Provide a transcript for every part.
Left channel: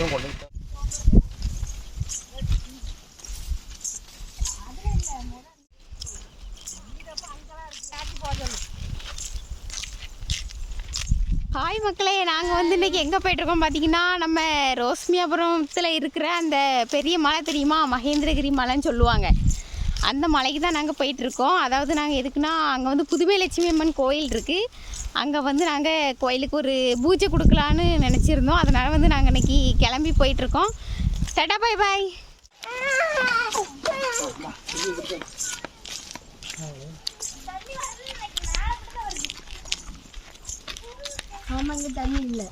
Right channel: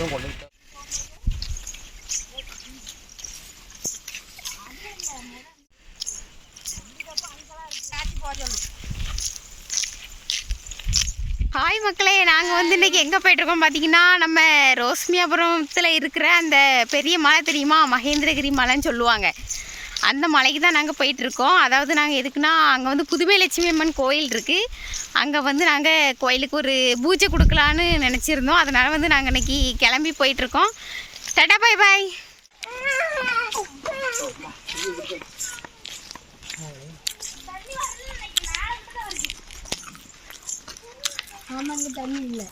Hi மக்களே, நாங்கள் வந்து இன்றைக்கி எங்கே போய்ட்ருக்கோம் பார்த்தீங்கன்னா, நம்ம ரோஸ்மியாபுரத்தில் இருக்கிற அந்த பெரிய மலை தெரியுமா, மகேந்திரகிரி மலைன்னு சொல்லுவாங்க. அந்த மலைக்கு தான் நாங்கள் போயிட்டுருக்கோம். அதாவது நாங்கள் எதுக்குன்னா, அங்கே வந்து புதுமை லட்சுமி அம்மன் கோயில் இருக்குது. அங்கே வந்து நாங்கள் கோயிலுக்கு ஒரு பூஜை கொடுக்கலான்னு நினச்சிருந்தோம். அதனால் வந்து நாங்கள் இன்றைக்கி கிளம்பி போயிட்டுருக்கோம். டாடா பாய் பாய். ஆமாங்க, தண்ணி இல்லை.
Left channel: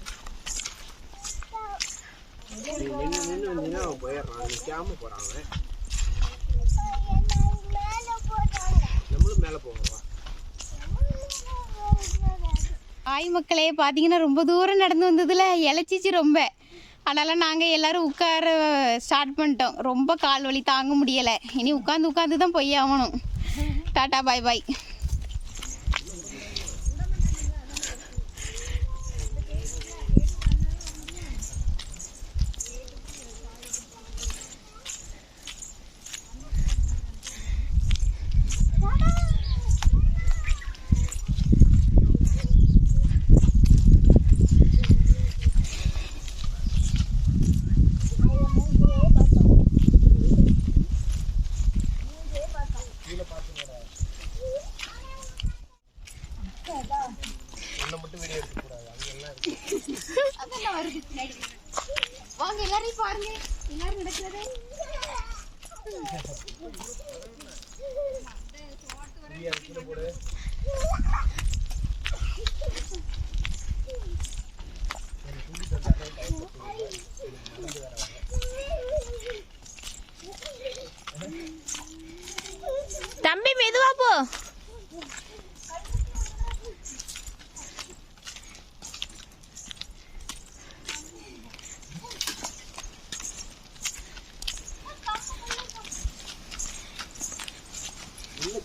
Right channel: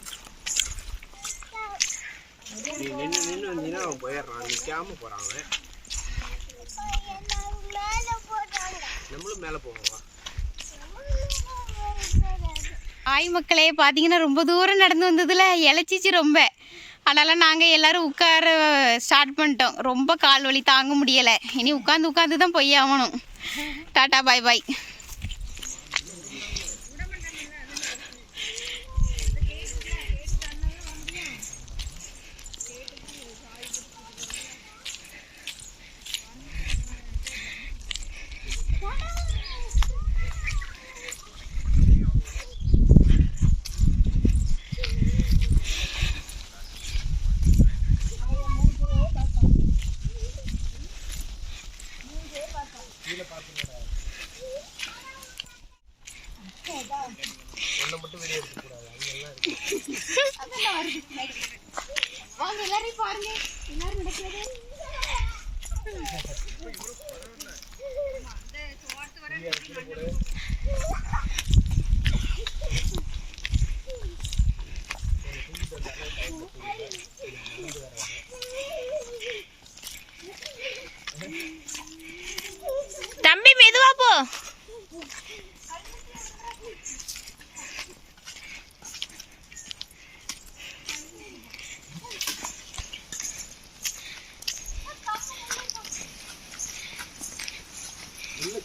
நின்று வந்தீங்கன்னா அவன் போயிடுறான், நிற்காம போகிறாங்க. நம்மளும் மேலே போவோம். ஆய் மக்களே, பார்த்தீங்கன்னா ரொம்ப தூரம் நடந்து வந்ததில் இழைச்சிச்சு ரொம்ப. அதனால் நாங்கள் எல்லோரும் உட்கார ஸ்டார்ட் பண்ணிட்டோம். ரொம்ப கால் வலி தாங்க முடியலை. இனி உட்காந்து தான் போய் ஆகணும். டாட்டா பாய் பாய். எல்லாரையும் பாருங்க, எல்லாரும் நடக்கிறது. தம்பி மெதுவா போ.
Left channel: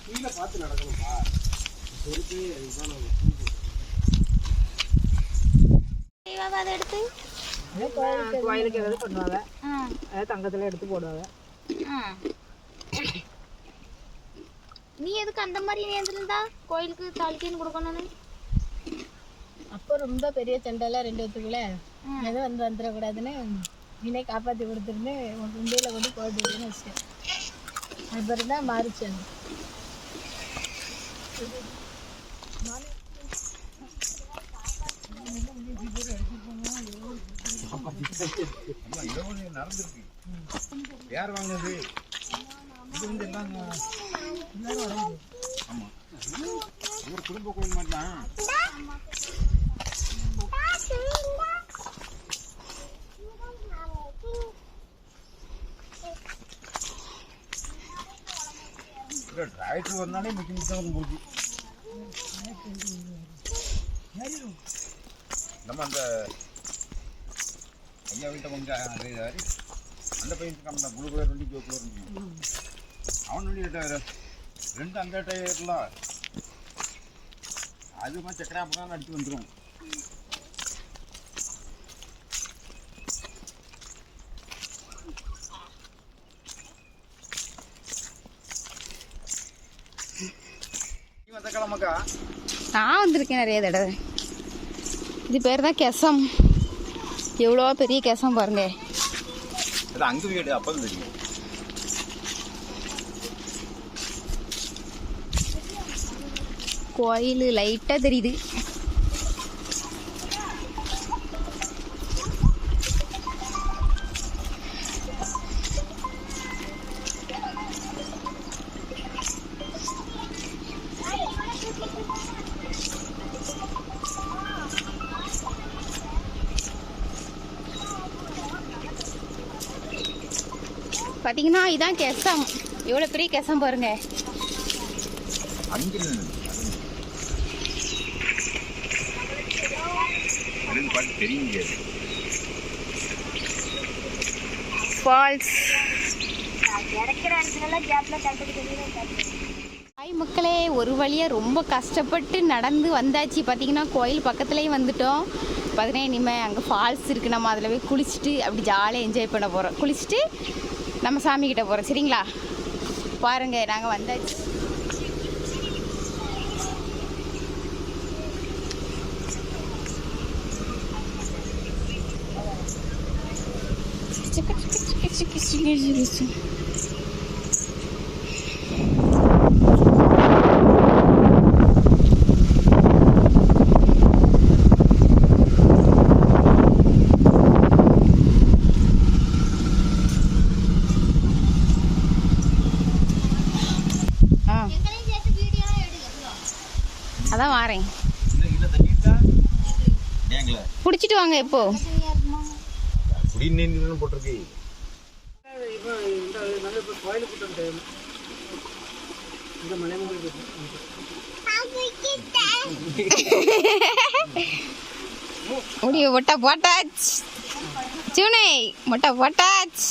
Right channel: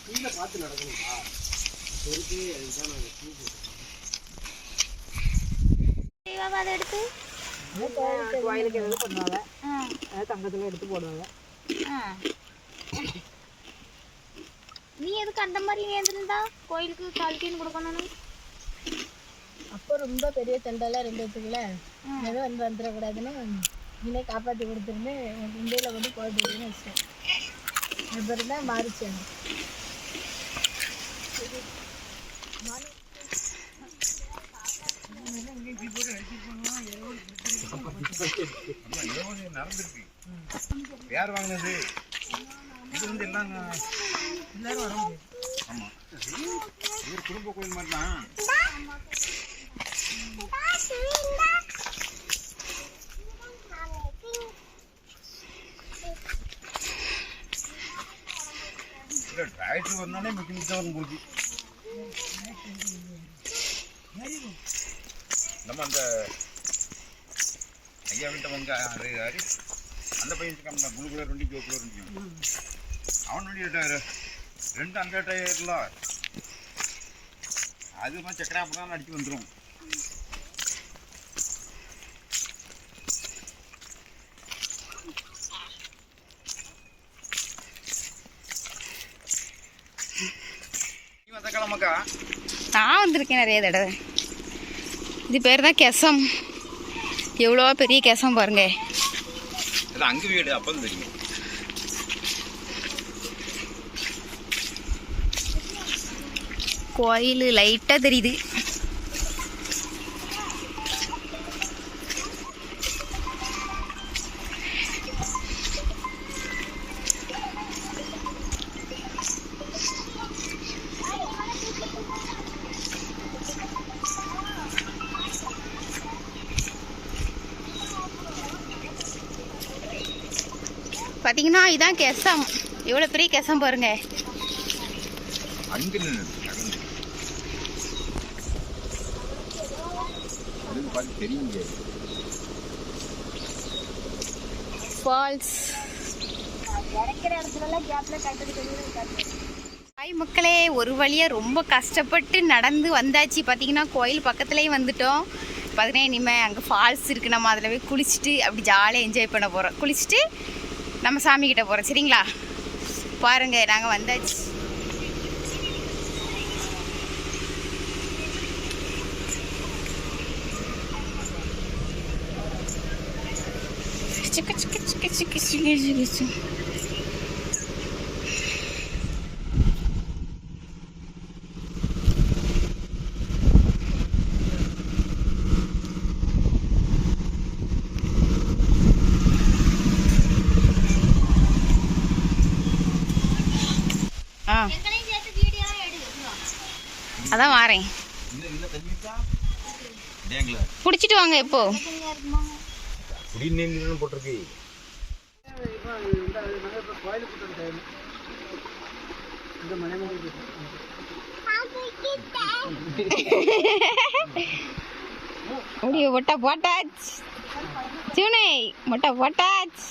கீழே பார்த்து நடக்கணும்பா. பொறுத்து அதுதான் நாங்கள் அதை எடுத்து கோயிலுக்கு எதாவது பண்ணுவாங்க, தங்கத்தில் எடுத்து போடுவாங்க. நீ எதுக்கு அந்த மாதிரி நேர்ந்துருந்தா கோயிலுக்கு கால்கீன்னு கொடுக்கணும்? அப்போ ரொம்ப பெரிய சண்டைலாம் 2 இடத்துக்குள்ள எதுவும் வந்து வந்துடக்கூடாதுன்னு நீனே காப்பாற்றி கொடுத்துருந்து உன் இந்தியில் கொண்டு போட்டுன்னு வச்சிட்டேன். அப்புறம் தான் மாறிச்சு. நடந்துருக்கு. யார் வாங்கினது? இது வந்து எல்லாம் எல்லாரும் வர முடியும். ஆமாம், ஒரு குடும்ப கோயில் மாதிரி தான். ட்ராய்க்கு வந்தாலே மிக்க போச்சு. நம்ம அந்த ஐயா வீட்டை வந்து அது அந்த பையன் இருக்காம ப்ளூ கலர் வண்டி ப்ளூ கலர் வண்டி, அவன் வண்டி 2 அந்த டயர்ல அது மாதிரி சக்கராப்ப தான் அடிச்சு வந்துடும். நான் வந்திருக்கேன் நிறைய தடவை. இது பேர் தான் கெசம். எவ்வளோ பெரிய கெசம் பாருங்க. அங்கே வீடு அப்போ தெரியும். கோயில் லைட்டாக தெரியுது. பார்த்தீங்கன்னா இதான் கெசம். எவ்வளோ பெரிய கெசம் பாருங்க. ஃபால்ஸ். ஹாய் மக்களே, ஒரு வழியாக ரொம்ப கஷ்டப்பட்டு நடந்து வந்தாச்சு. பார்த்தீங்கன்னா கோயில் பக்கத்துலேயும் வந்துட்டோம். பார்த்தீங்கன்னா இனிமேல் அங்கே ஃபால்ஸ் இருக்குது, நம்ம அதில் போய் குளிச்சுட்டு அப்படி ஜாலியாக என்ஜாய் பண்ண போகிறோம். குளிச்சுட்டு நம்ம சாமிக்கிட்ட போகிறோம். சரிங்களா? பாருங்கள், நாங்கள் வந்தாச்சு. அதான் வாரேன். குடிச்சிட்டு வாங்க. இப்போ குடிநீர் போட்டிருக்கு. முடிய மொட்டை போட்டாச்சு. சூனை மொட்டை போட்டாச்சு.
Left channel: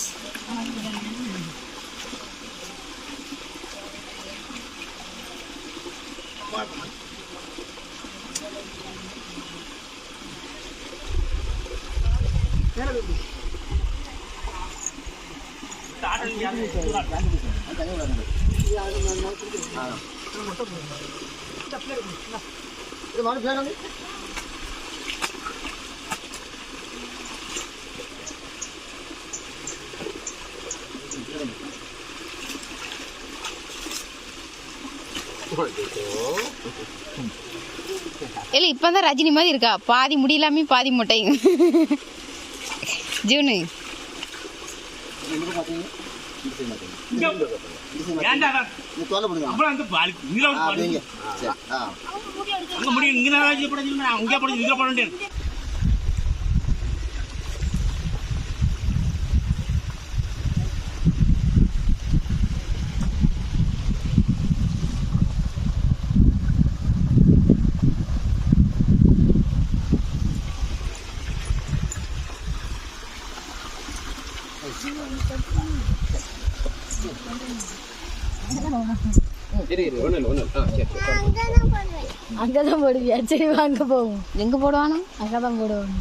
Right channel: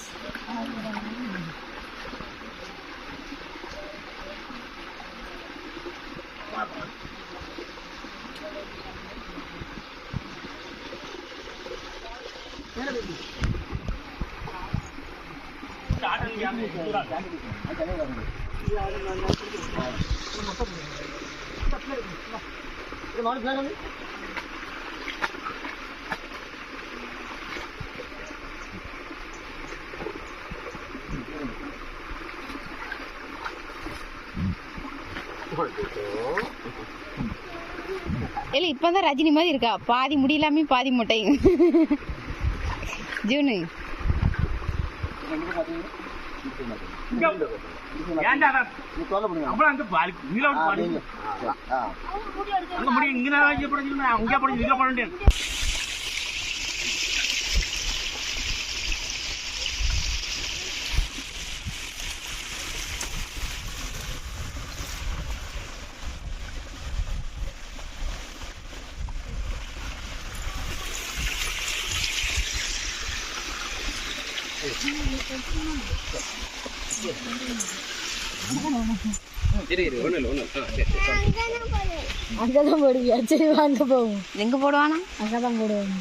இல்லை இப்போ தான் ரஜினி மாதிரி இருக்கா, பாதி முடியலாமே பாதி மொட்டையும். ஜூனு அங்கதான் போடுவியா? சரி வாங்க போவோம். எங்கே போடுவானா? அங்கதான் போடுவாங்க.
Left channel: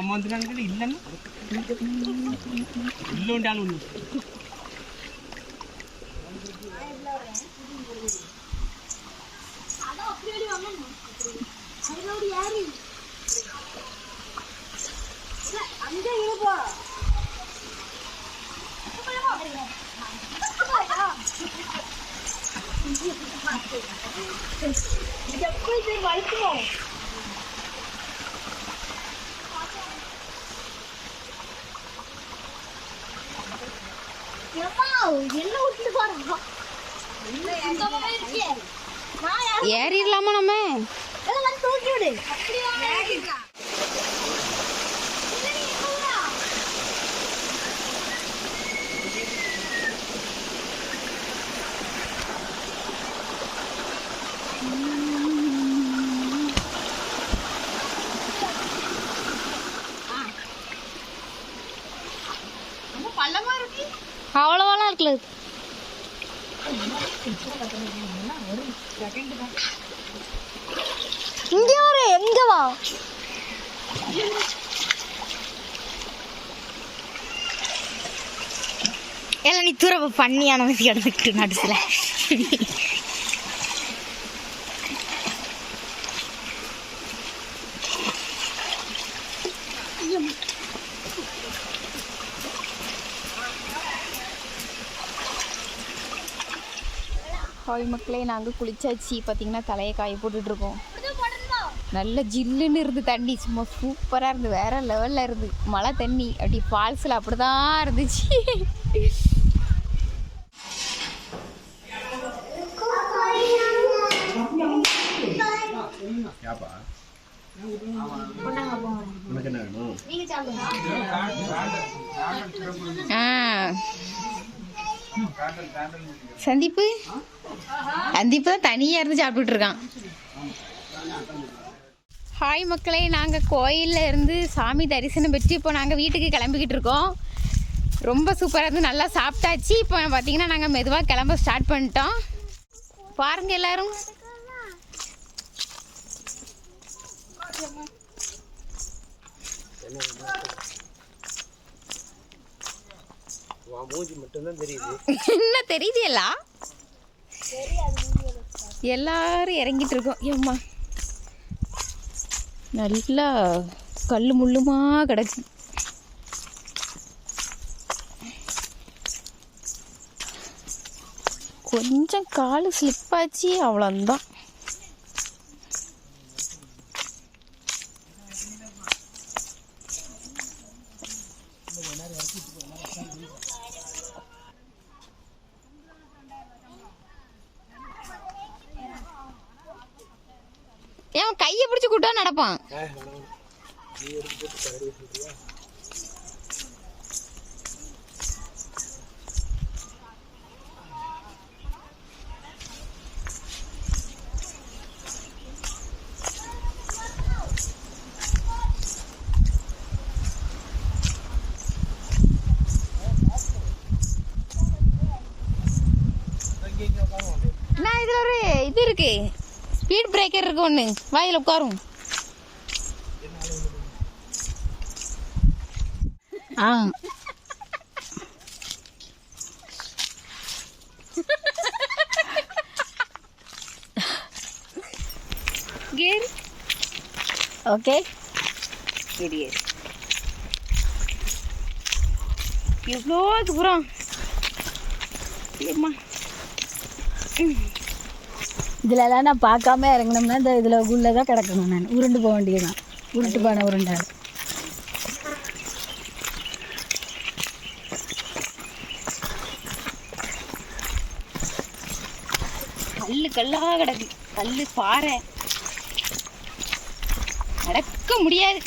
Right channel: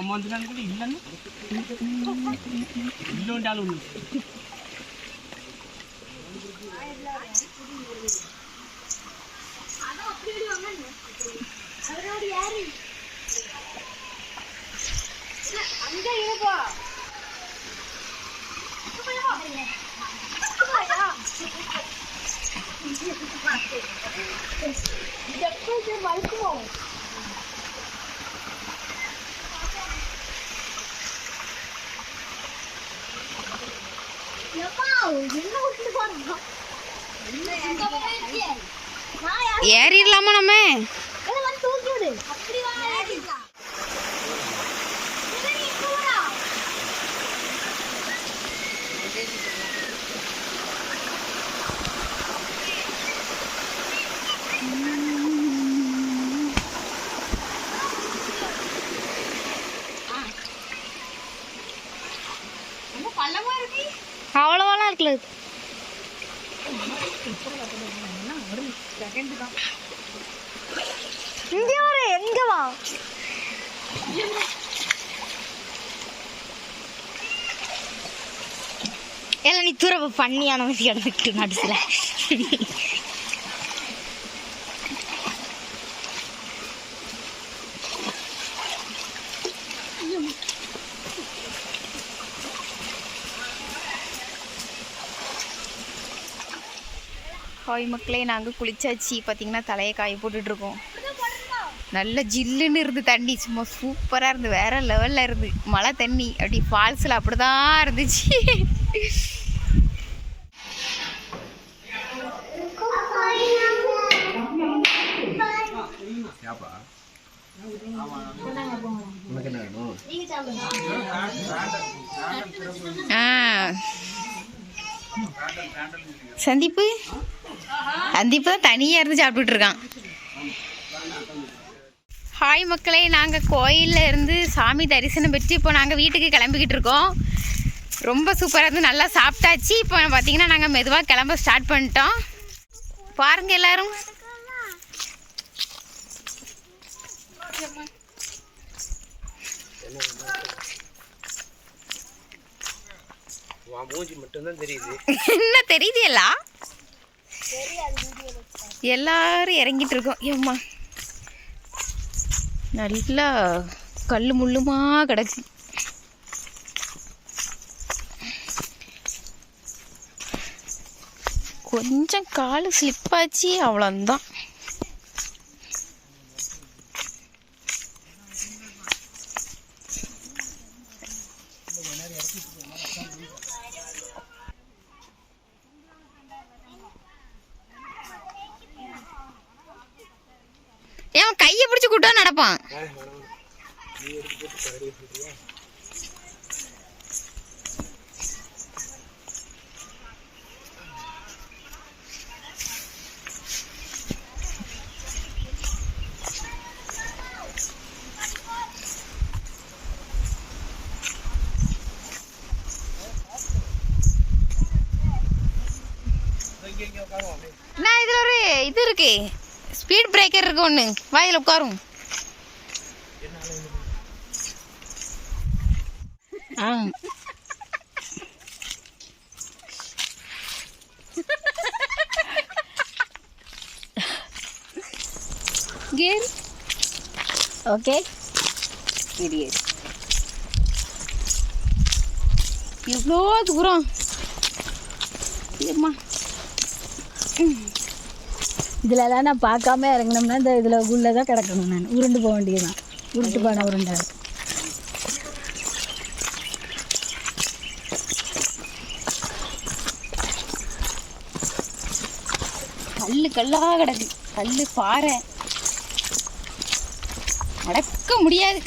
அம்மா வந்து இல்லைன்னா இல்லோண்டாலும் ஏறிடலாமா நம்ம? அவ்வளோவெல்லாம் இருக்குல்ல. இங்கே வர எங்க வா? எல்லாம் நீ துறவு பண்ணியான கிடந்துட்டு நடுசுல. ஹாய் மக்களே, நாங்கள் குளிச்சாச்சு. பார்த்தீங்கன்னா தலையை காய போட்டுட்ருக்கோம். நல்ல ஜில்லுன்னு இருந்து தண்ணி, சும்மா சூப்பராக இருந்து, வேறு லெவலில் இருந்து. மழை தண்ணி அப்படி ஃபால்ஸில் அப்படி தான் இருந்துச்சு. சந்தீப்பு தான் தனியாக இருந்து சாப்பிட்டுட்டு இருக்கான். ஹாய் மக்களே, நாங்கள் கோயிலில் இருந்து சாமி தரிசனம் பெற்று இப்போ நாங்கள் வீட்டுக்கு கிளம்பிக்கிட்டு இருக்கோம். ரொம்ப சூப்பராக இருந்து நல்லா சாப்பிட்டாச்சு. இப்போ பார்த்தீங்கன்னா நாங்கள் மெதுவாக கிளம்ப ஸ்டார்ட் பண்ணிட்டோம். பாருங்க எல்லாரும். மூஞ்சி மட்டும்தான் தெரியுது. என்ன தெரியுது எல்லாம்? எல்லாரும் இறங்கிட்டு இருக்கோம். ஏம்மா நல்லா கல் முள்ளுமா கிடக்கு. கொஞ்சம் கால் ஸ்லிப்பாச்சு, அவ்வளோதான். ஏன் கையை பிடிச்சி கூட்டம் நடப்பான். நான் இதுல ஒரு இது இருக்கு, ஸ்பீட் பிரேக்கர் இருக்கு ஒன்று. வாயில உட்காரும். ஆ கேர் ஓகே. எவ்வளோ தூரம் இல்லைம்மா. இதுலலாம் நான் பார்க்காம இறங்கினோம்னா இந்த இதில் உள்ளே தான் கிடக்கணும். நான் உருண்டு போக வேண்டியதுதான். உருட்டு பானை உருண்டை. கல்லாக கிடக்கு. கல் பாறை அடக்க முடியாது.